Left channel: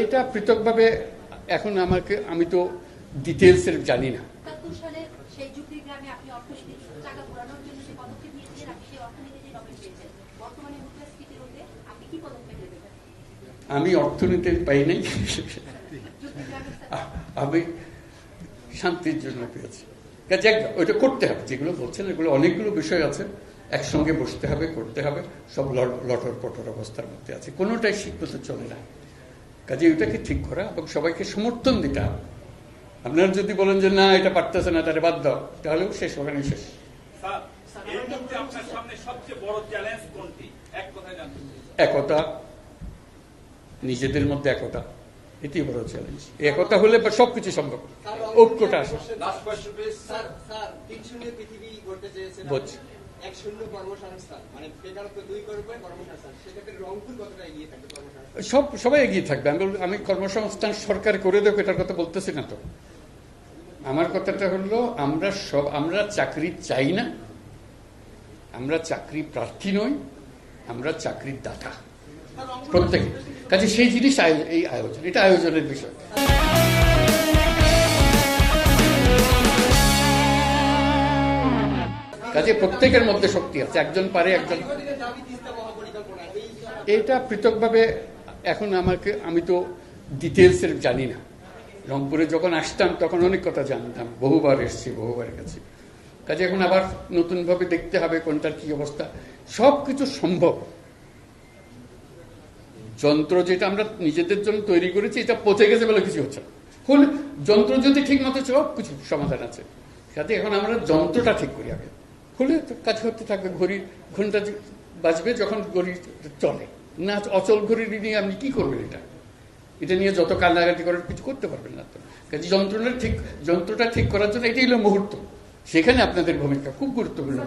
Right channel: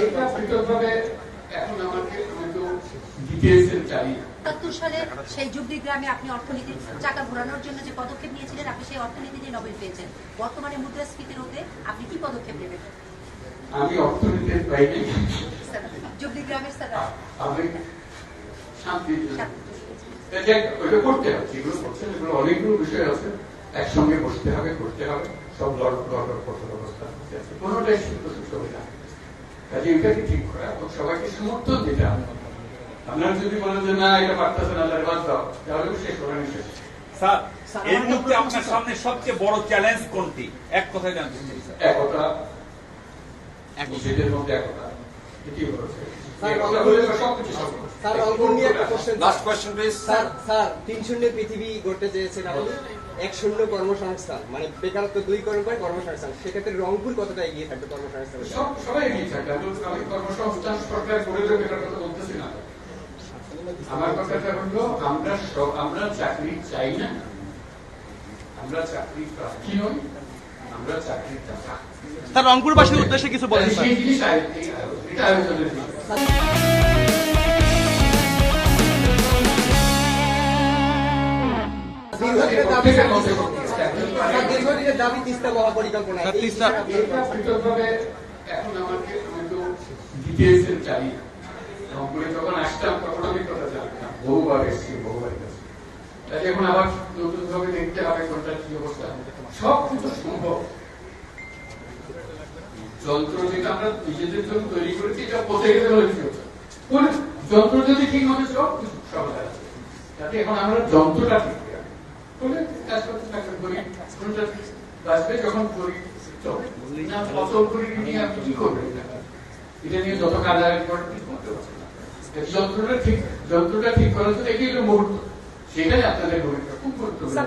এটা পৃথকভাবে এখন আমি তো ডিটেইলস জানি না। ৭৭ সালে সেই যুবলী গ্রামে আপনি অর্থনীতির চাকা ঘোরানোর জন্য যে পদক্ষেপ নিয়েছিলেন, আপনি সেই অর্থনীতি নিয়ে নোবেল পেয়েছেন। বর্তমানে মুদ্রাস্ফীতি রোধে আপনি কি পদক্ষেপ নেবেন? আমি অর্থনীতির বাইরে যুবলী গ্রামের আমি শান্তির জন্য পেয়েছি। ওইটা করতে হবে, যেগুলো বলছেন এগুলো অনেকগুলো বিষয় আছে, একসঙ্গে বসতে হবে, করতে হবে, সব লটর পটর অবস্থা করতে আছে, কোনোটাই সিদ্ধান্ত চলে না। কাজে এটাকে ঠিক করা এবং সবাইকে সমর্থন দিতে হবে। আপনারা যদি বলেন যে না এটা পারতেছে না, তাহলে বাদ দাও, তাহলে শেষ হবে না। শেষ স্যার, এর মধ্যে আপনার সামনে সবচেয়ে বড় চ্যালেঞ্জ কোনটি? এক কথায় জানতে চাই। একতা, নিজেদের মধ্যে একতা, এটি হলো একতা হলে সবকিছু সম্ভব। Last question please. স্যার ৩-০ পৃথিবী গড়তে চেয়েছেন আপনি, ১-০ কর্মসংস্থান, মানে বেকারত্ব ২ করে কর্মসংস্থান, সেক্ষেত্রে রংপুর কতটা এগিয়ে থাকবে কর্মসংস্থান? সবাই এগিয়ে থাকবে। আমি কর্মসংস্থান সরকার করে দেবে এটার কথা বলতেছি না তো। আমার কথাটা হলো আমরা চাকরি চাই না, আমরা চাকরি প্রার্থী নই, আমরা চাকরির দাতা। স্যার, রংপুরবাসীর উদ্দেশ্যে কিছু বলেন। সেই জিনিস এই আয়োজন, এটা আয়োজনের বিষয়। প্রত্যেকের মধ্যে শক্তি আছে, একজন পারে। এটা পৃথকভাবে এখন আমি তো ডিটেইলস জানি না। রংপুরে যখন আসতাম তখন অনেক কথা জানতাম, বহুবার এসেছি, বহুবার গেছি। কাজে এখন আবার নতুন ভাবে দেখতে হবে কোনটার কি অবস্থা। সবকিছু সম্ভব। যন্ত্র যেটা আমরা নিজেদের জন্য তৈরি করেছি, এটা পচে গেছে বলে কিছু হচ্ছে। যন্ত্র যদি ঠিক মতো সব কিছু সমাধান আছে। যাতে এখন আমরা যন্ত্রটা ঠিক করি, হলে কাজ করতে থাকবে। ঘন্টা বাঁচবে যখন ঘড়ি চলে না, অচল ঘড়ি নিয়ে আমি কি করবো? এটা নিয়ে যত কান্নাকাটি করার কিছু করতে পারছি না। যন্ত্রটা ঠিক করার জন্য এটাই হলো মুহূর্ত। সেখানে আপনাদের ভূমিকা খুব গুরুত্বপূর্ণ।